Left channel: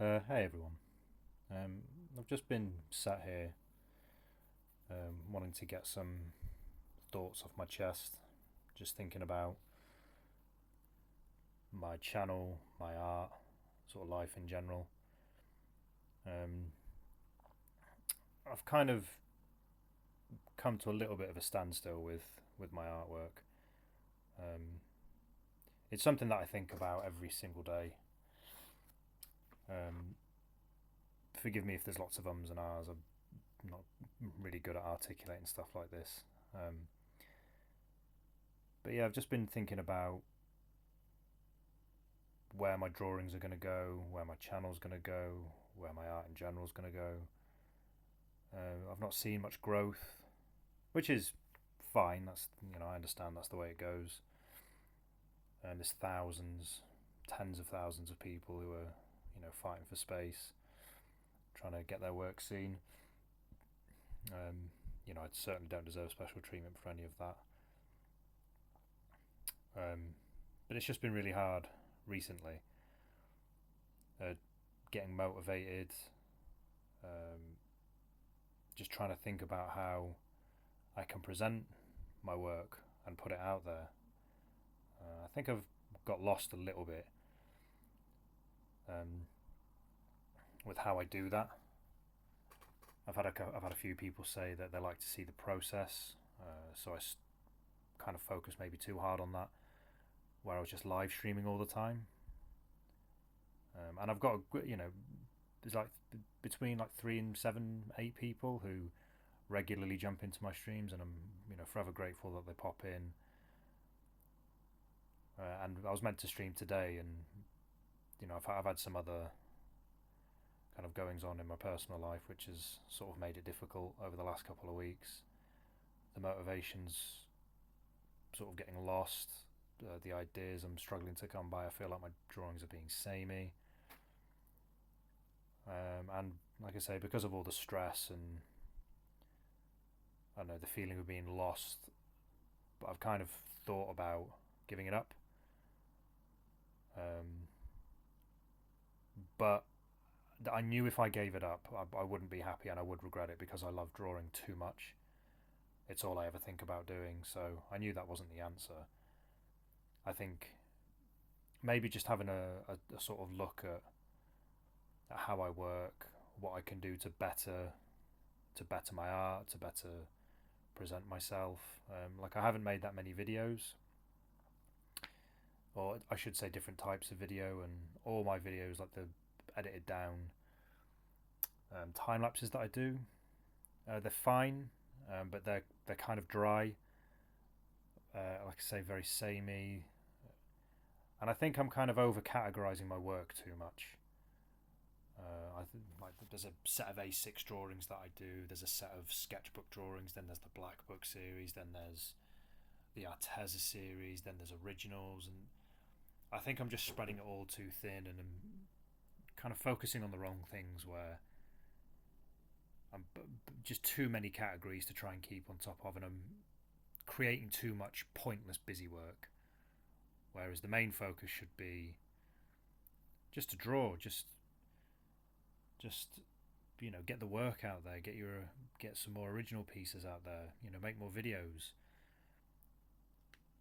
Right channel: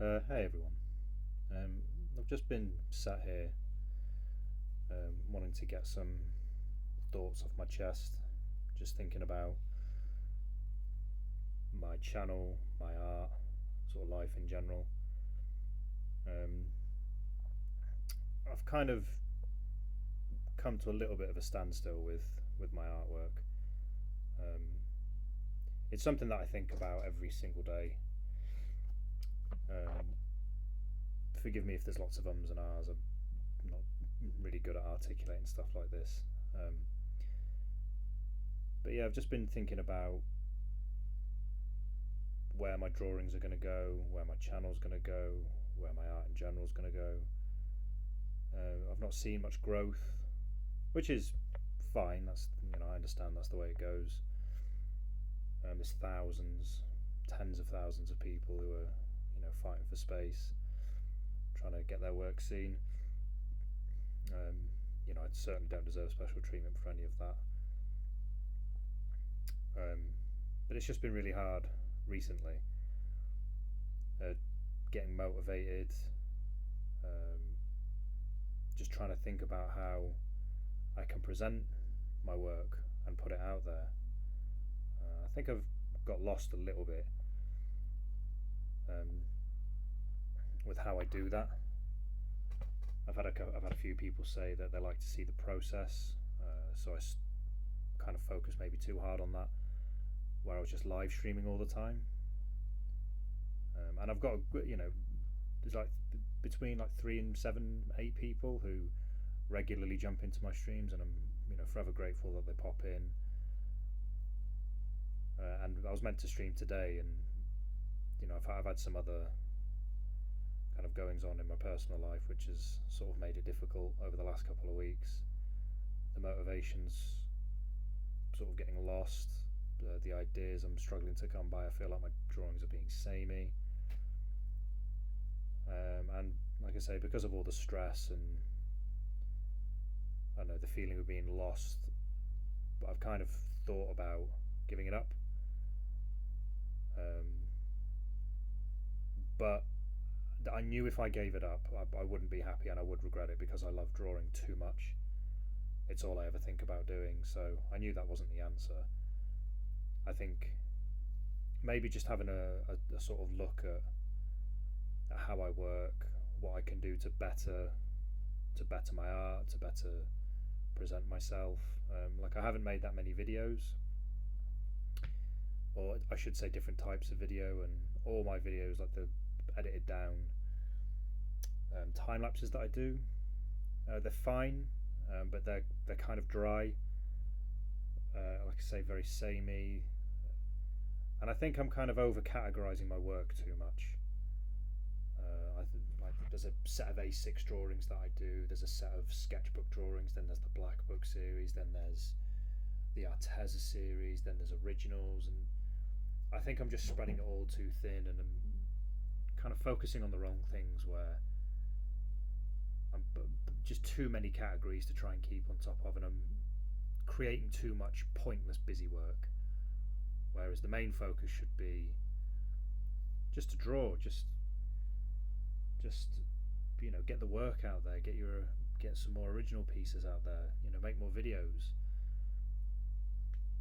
Hey everyone. I've just been sat here wanting to get some thoughts off my chest, just thinking about my channel, my art, sort of life in general. Um, I've kind of come to a little bit of a standstill with my artwork. Um, it's something that I think about every single day. Um, Forgive me if there's lots of ums and ahs. I'm not really good at articulating stuff like this. But yeah, I've just been thinking about where my drawings are going to go, where my channel's going to go, where my art in general is going to go. I've not seen much growth, which is fine. I understand that's the way it goes. And there's thousands, tens of thousands of people who are fighting for space, trying to get their work seen. I certainly don't deserve special treatment for any of that. Um, but it's just been really hard recently, uh, getting motivated, um, just trying to think about how I can present my work and put it out there. I think I've got lost a little bit um, with how I do that. I've had a few people say that they like to see the process, so kind of focus maybe too hard on that, where I was just live streaming all the time. And I've got there's like between like 3 and 7, 8 people who regularly jump into my streams, and I'm forever grateful that they pop in. And I was meant to stream today, and I've had some other kind of goings on in my personal life, which has sort of made it difficult over the last couple of weeks. The motivations sort of getting lost. The ideas I'm struggling to come by. I feel like my drawings are being samey. And like I say, because of all the stress and I don't know the feeling of being lost, I've kind of thought about giving it up. Um, but I knew if I gave it up, I wouldn't be happy and I would regret it because I love drawing too much. It's all I ever think about doing, so I knew that wasn't the answer. I think maybe just having a sort of look at how I work, what I can do to better my art, to better present myself. Like I haven't made that many videos, or I should say different types of video, and all my videos, like the edited down time lapses that I do, they're fine, but they're kind of dry. Like I say, very samey, and I think I'm kind of over categorizing my work too much. Like there's a set of A6 drawings that I do. There's a set of sketchbook drawings. Then there's the Black Book series. Then there's the Arteza series. Then there's originals, and I think I'm just spreading it all too thin, and I'm kind of focusing on the wrong things where I'm just too many categories to try and keep on top of, and I'm creating too much pointless busy work. Whereas the main focus should be just to draw, just get the work out there, get some more original pieces out there, make more videos.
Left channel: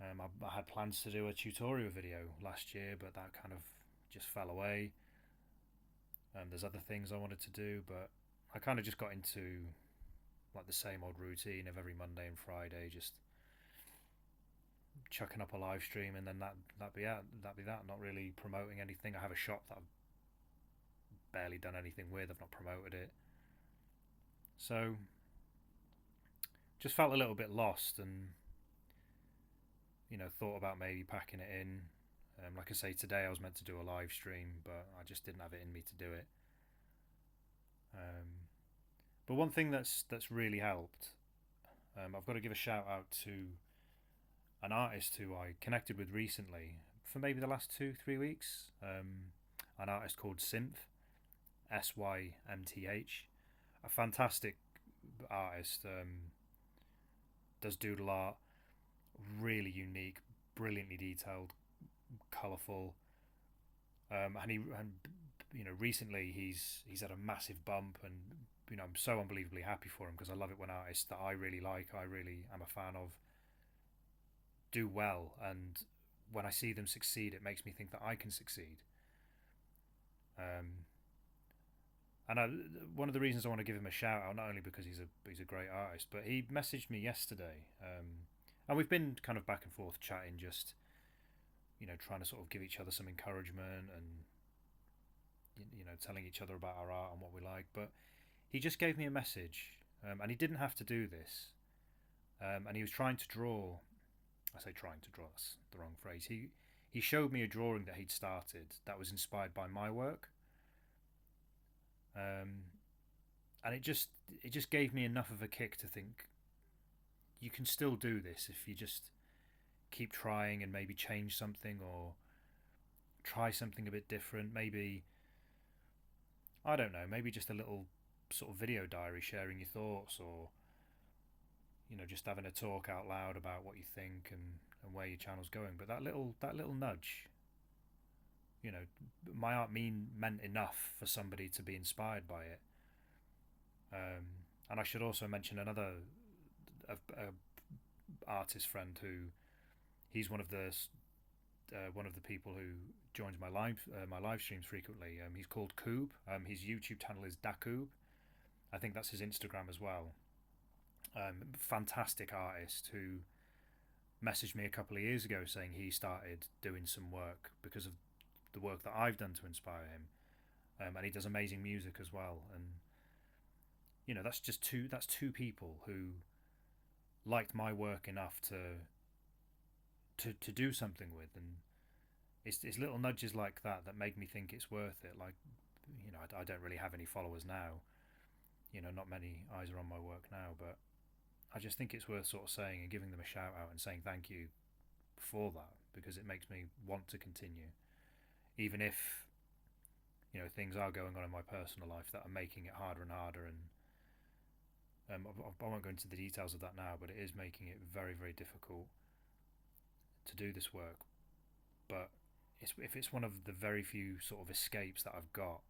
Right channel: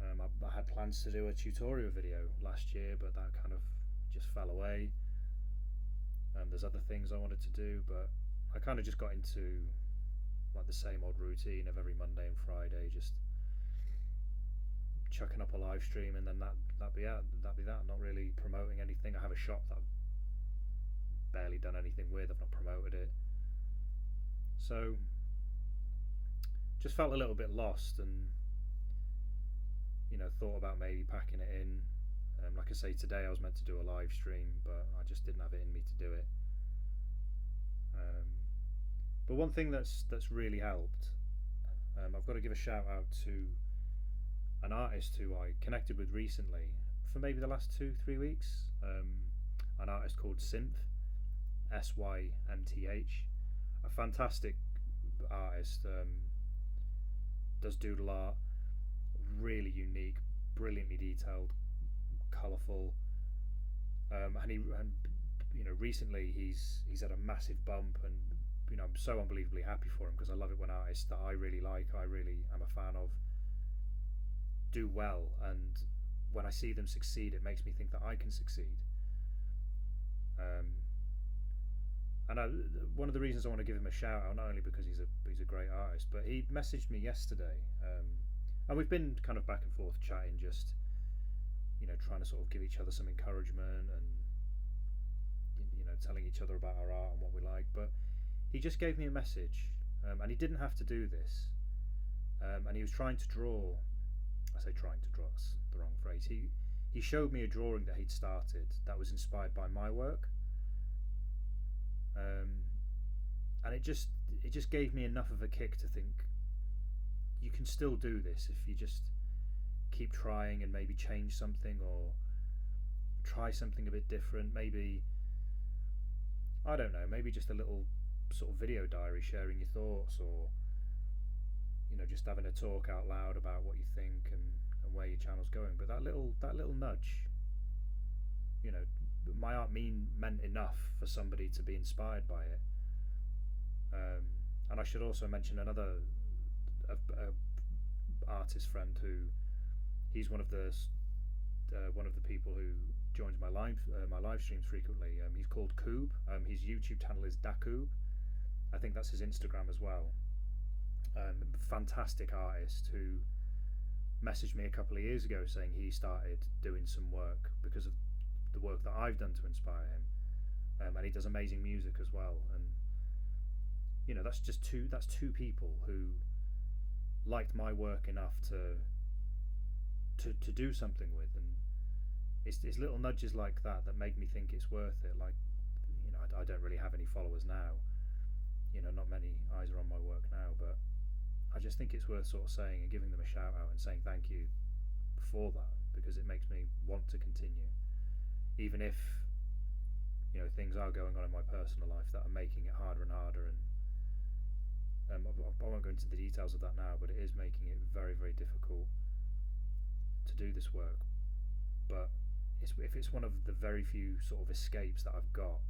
I had plans to do a tutorial video last year, but that kind of just fell away. There's other things I wanted to do, but I kind of just got into like the same old routine of every Monday and Friday, just chucking up a live stream, and then that'd be that. Not really promoting anything. I have a shop that I've barely done anything with. I've not promoted it, so just felt a little bit lost, and thought about maybe packing it in. Like I say, today I was meant to do a live stream, but I just didn't have it in me to do it. Um, but one thing that's really helped, I've got to give a shout out to an artist who I connected with recently for maybe the last 2 3 weeks. An artist called Symth, Symth, a fantastic artist. Does doodle art, really unique, brilliantly detailed, colourful, and recently he's had a massive bump, and I'm so unbelievably happy for him because I love it when artists that I really like, I really am a fan of, do well, and when I see them succeed, it makes me think that I can succeed. Um, and one of the reasons I want to give him a shout out, not only because he's a great artist, but he messaged me yesterday, and we've been kind of back and forth chatting, just trying to sort of give each other some encouragement and telling each other about our art and what we like. But he just gave me a message, and he didn't have to do this, and he was trying to draw. I say trying to draw. That's the wrong phrase. He showed me a drawing that he'd started that was inspired by my work, um, and it just gave me enough of a kick to think you can still do this if you just keep trying and maybe change something or try something a bit different. Maybe, I don't know, maybe just a little sort of video diary sharing your thoughts, or just having a talk out loud about what you think and where your channel's going. But that little nudge, my art meant enough for somebody to be inspired by it. And I should also mention another artist friend who, he's one of the people who joins my live streams frequently. He's called Qooob. His YouTube channel is Qooob. I think that's his Instagram as well. Fantastic artist who messaged me a couple of years ago saying he started doing some work because of the work that I've done to inspire him, and he does amazing music as well. And that's two people who liked my work enough to do something with, and it's little nudges like that that make me think it's worth it. Like, I don't really have any followers now. Not many eyes are on my work now, but I just think it's worth sort of saying and giving them a shout out and saying thank you for that, because it makes me want to continue, even if things are going on in my personal life that are making it harder and harder. And I won't go into the details of that now, but it is making it very, very difficult to do this work. But if it's one of the very few sort of escapes that I've got,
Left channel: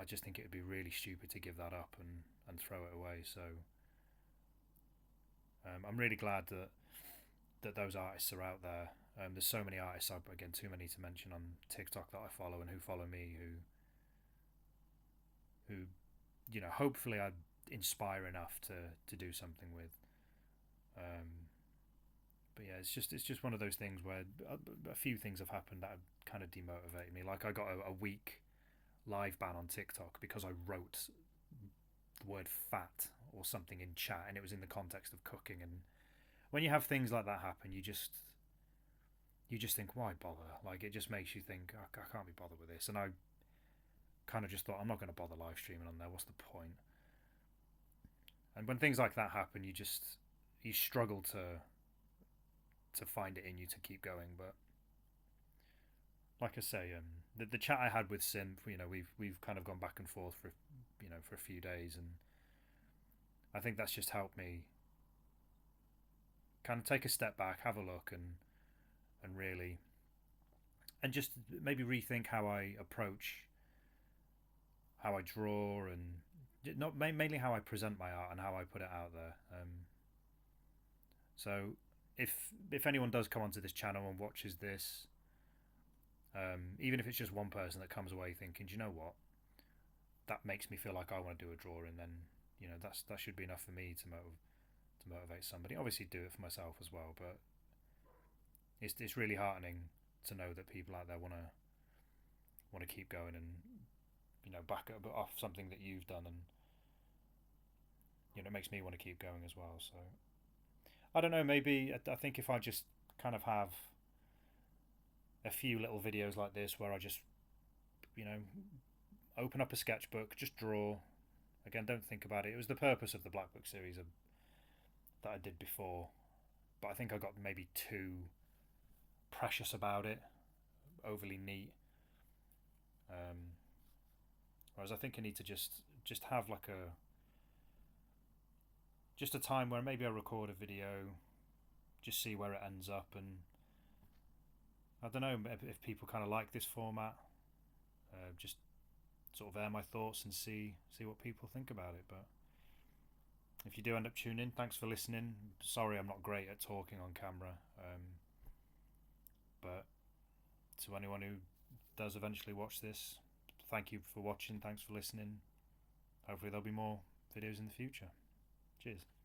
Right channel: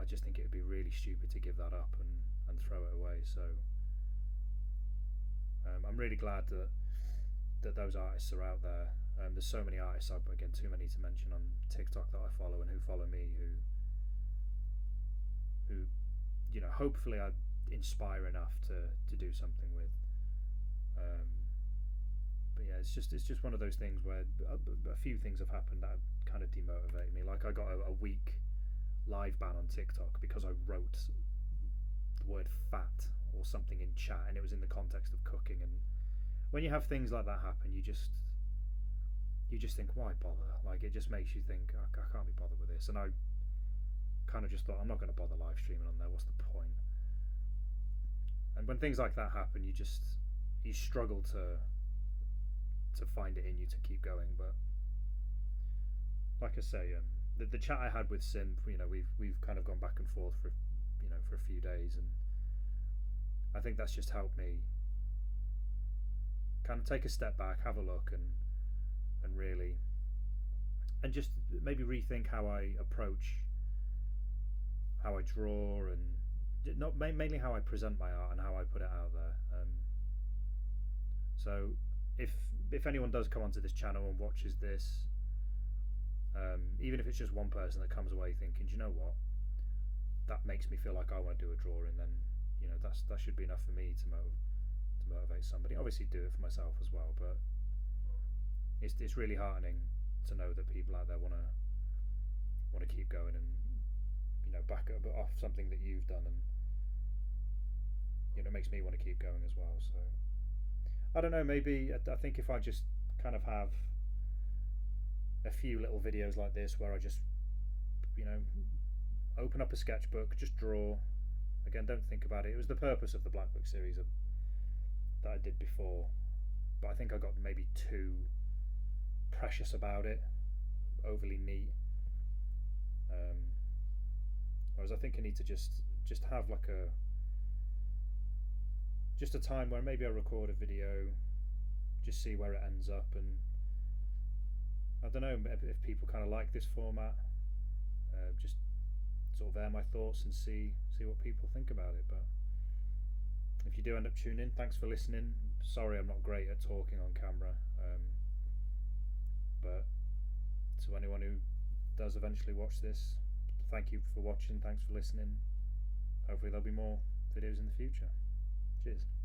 I just think it would be really stupid to give that up and throw it away. So I'm really glad that those artists are out there. There's so many artists, again, too many to mention, on TikTok that I follow and who follow me, who hopefully I inspire enough to do something with. But yeah, it's just one of those things where a few things have happened that have kind of demotivated me. Like, I got a week live ban on TikTok because I wrote the word fat or something in chat, and it was in the context of cooking. And when you have things like that happen, you just think, why bother? Like, it just makes you think, I can't be bothered with this. And I kind of just thought, I'm not going to bother live streaming on there. What's the point? And when things like that happen, you struggle to find it in you to keep going. But like I say, the chat I had with Symth, we've kind of gone back and forth for a few days, and I think that's just helped me kind of take a step back, have a look, and really, and just maybe rethink how I approach, how I draw, and not mainly how I present my art and how I put it out there. So if anyone does come onto this channel and watches this, even if it's just one person that comes away thinking, do you know what, that makes me feel like I want to do a drawing, then that should be enough for me to motivate somebody. Obviously do it for myself as well, but it's really heartening to know that people out there want to keep going and back up off something that you've done, and it makes me want to keep going as well. So I don't know, maybe I think if I just kind of have a few little videos like this where I just open up a sketchbook, just draw. Again, don't think about it. It was the purpose of the Black Book series that I did before, but I think I got maybe too precious about it, overly neat. Whereas I think I need to just have like just a time where maybe I record a video, just see where it ends up, and I don't know if people kind of like this format. Just sort of air my thoughts and see what people think about it. But if you do end up tuning in, thanks for listening. Sorry I'm not great at talking on camera, but to anyone who does eventually watch this, thank you for watching, thanks for listening. Hopefully there'll be more videos in the future. Cheers.